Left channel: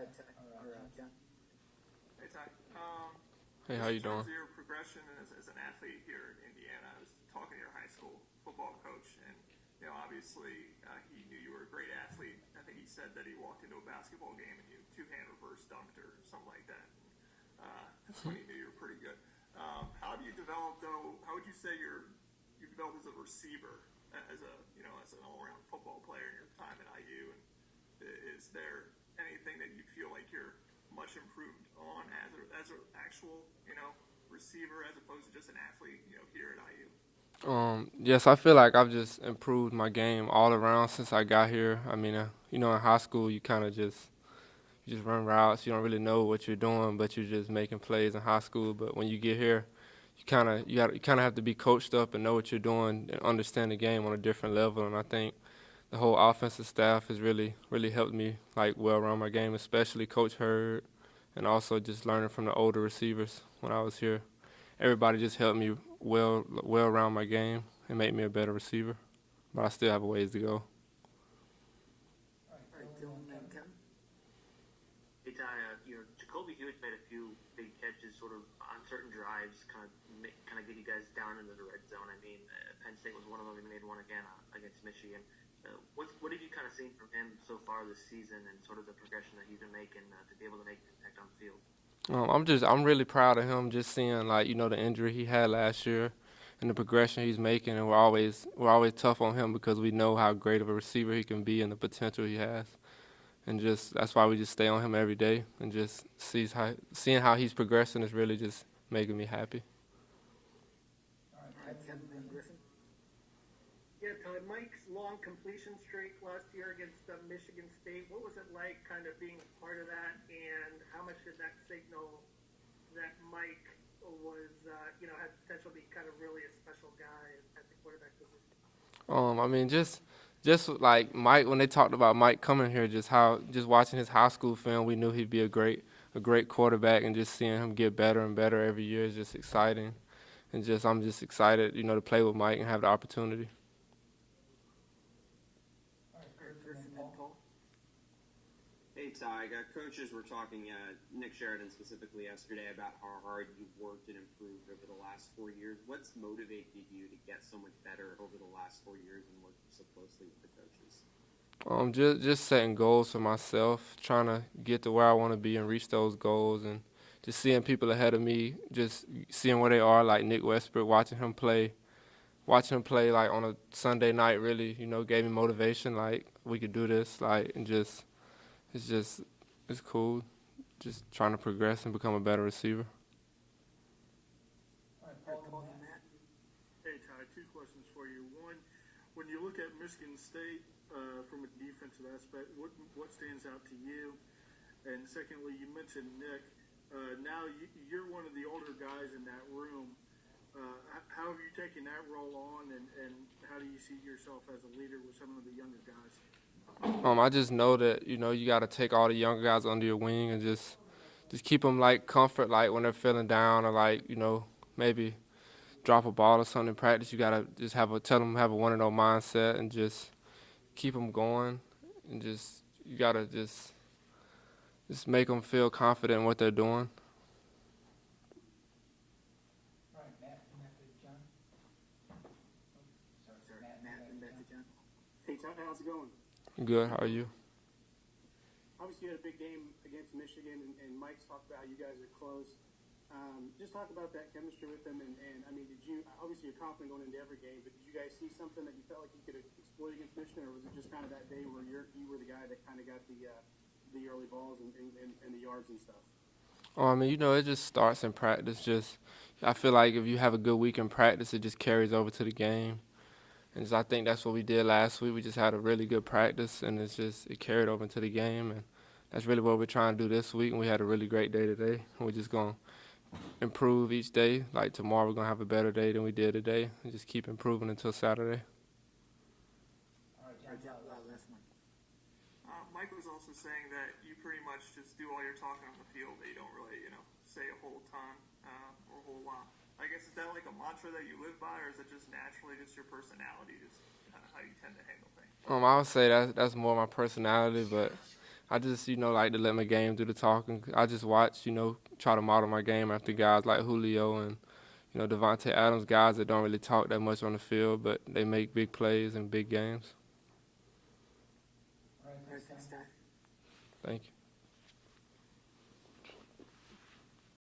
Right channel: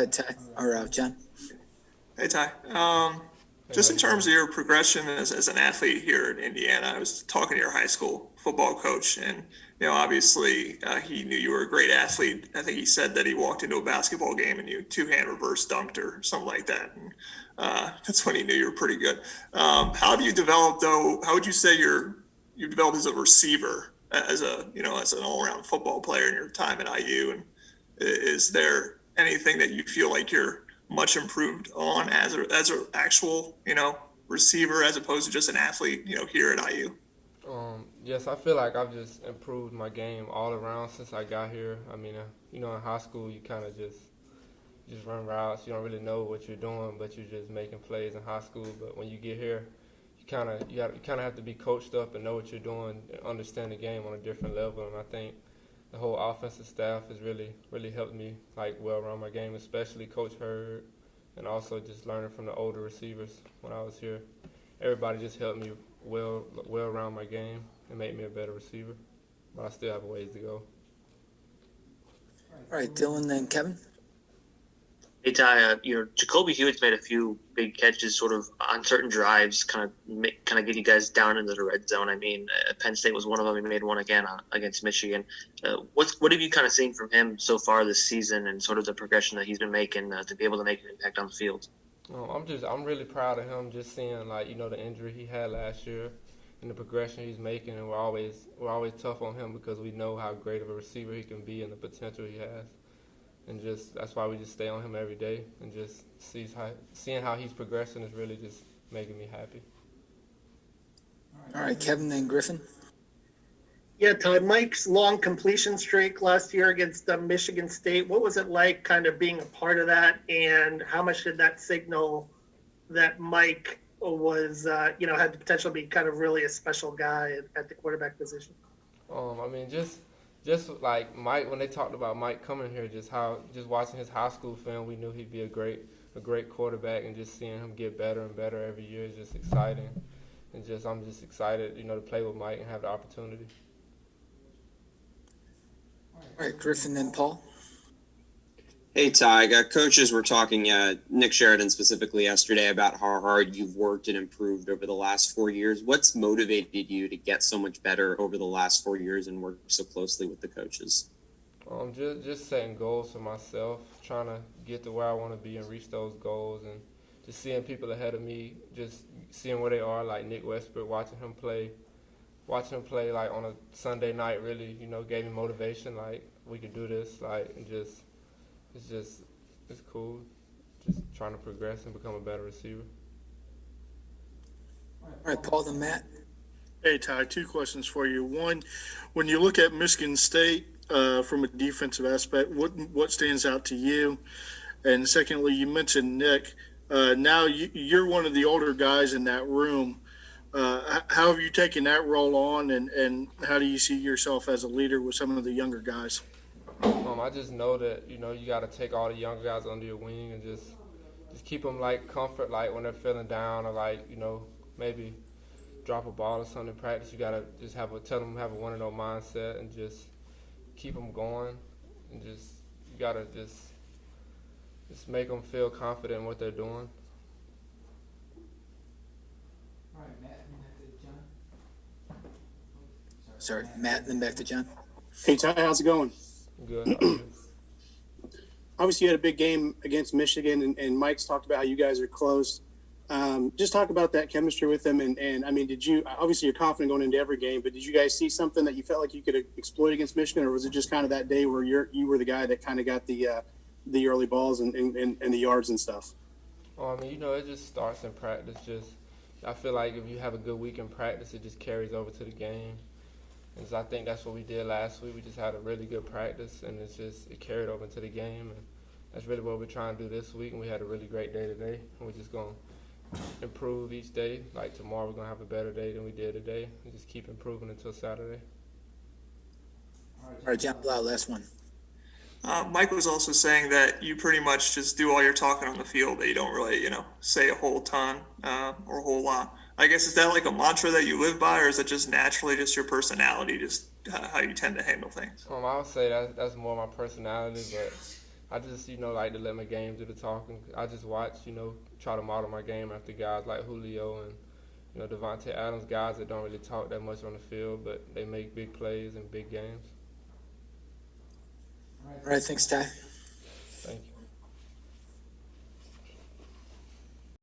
ahead, Ty, or John. Hey Ty, Hey, how just in you terms doing? of your progression as an athlete here in Indiana, I was talking to your high school football coach, and obviously he knew you were a great athlete. I think he said that he walked into a basketball game and you two-hand reverse dunked or something like that. And, that's when he knew you were pretty good. How have you developed though? How would you say you developed as a receiver, as a as an all-around football player in your time at IU? And is there anything that you feel like you're much improved on as a actual receiver as opposed to just an athlete here at IU? Yes, I feel like I've just improved my game all around since I got here. I mean, in high school, you kind of just run routes. You don't really know what you're doing, but you're just making plays in high school. But when you get here, you kind of have to be coached up and know what you're doing and understand the game on a different level. And I think the whole offensive staff has really helped me like well around my game, especially Coach Hurd, and also just learning from the older receivers when I was here. Everybody just helped me well around my game and made me a better receiver. But I still have a ways to go. All right, Dylan, then Kevin. Hey Ty, Jacoby Hewitt's made a few big catches, sort of on certain drives, kind of get you guys down into the red zone. I mean, Penn State was one of them. He made one again against Michigan. What have you kind of seen from him so far this season, and sort of the progression that he's been making to be able to make an impact on the field? I'm really proud of him. Just seeing the injury he had last year, and the progression he's making, and we're always tough on him because we know how great of a receiver he can be and the potential he has. And just that's why we just stay on him every day and just seeing how he's progressing is really just making me happy. All right, Kevin, then Griffin. Yeah, Todd, Mike's long completion streak last year against Michigan State. What was it like kind of being a part of that, and how much did that signal that Mike was, had the potential to be kind of really a special guy at the quarterback position? I mean, just like Mike, when they talked about Mike coming here, just watching his high school film, we knew he'd be a great quarterback, and just seeing him get better and better every year is just exciting. And I'm just excited, to play with Mike and have the opportunity. All right, Griffin, then Paul. Hey, Ty, coaches were talking, Nick Sheridan specifically yesterday, about how hard you've worked and improved over the last 4 years. What's motivated you to get so much better over the last 4 years and work so closely with the coaches? Just setting goals for myself, trying to get to where I want to be and reach those goals, and just seeing people ahead of me, just seeing where they are, like Nick Westbrook, watching him play like on a Sunday night really, gave me motivation, like we could do this, like, and it's cool, just trying to progress and become a better receiver. All right, Paul, then Matt. Hey, Ty, two questions for you. One, when you look at Michigan State from a defensive aspect, what stands out to you? And secondly, you mentioned Nick. Now you're one of the older guys in that room. How have you taken that role on, and how do you see yourself as a leader with some of the younger guys? I just know that you got to take all the younger guys under your wing and just keep them like comfort, like when they're feeling down or like maybe drop a ball or something in practice. You gotta just tell them have a 1-0 mindset and just keep them going, and you gotta just make them feel confident in what they're doing. All right, Matt, then back to John. Sorry, Matt, then back to John. Hey, Ty, how's it going? Good. How are you? Obviously, you had a big game against Michigan, and Mike's talked about how you guys are close. Just talk about that chemistry with them, and I mean, obviously you're confident going into every game, but did you guys see something that you felt like you could exploit against Michigan, or was it just kind of that day where you were the guy that kind of got the early balls and the yards and stuff? I mean, it just starts in practice. I feel like if you have a good week in practice, it just carries over to the game. And so I think that's what we did last week. We just had a really good practice, and it carried over into the game. And that's really what we're trying to do this week. And we had a really great day today. And we're just going to improve each day. Like tomorrow, we're going to have a better day than we did today. And just keep improving until Saturday. All right, John Blau, last one. Mike was also saying that you pretty much just do all your talking on the field, that you don't really, say a whole ton or a whole lot. I guess, is that like a mantra that you live by, or is it just naturally just your personality, just how you tend to handle things? I would say that's more my personality, but I just, like to let my game do the talking. I just watch, try to model my game after guys like Julio and, Devontae Adams, guys that don't really talk that much on the field, but they make big plays in big games. All right, thanks, Ty.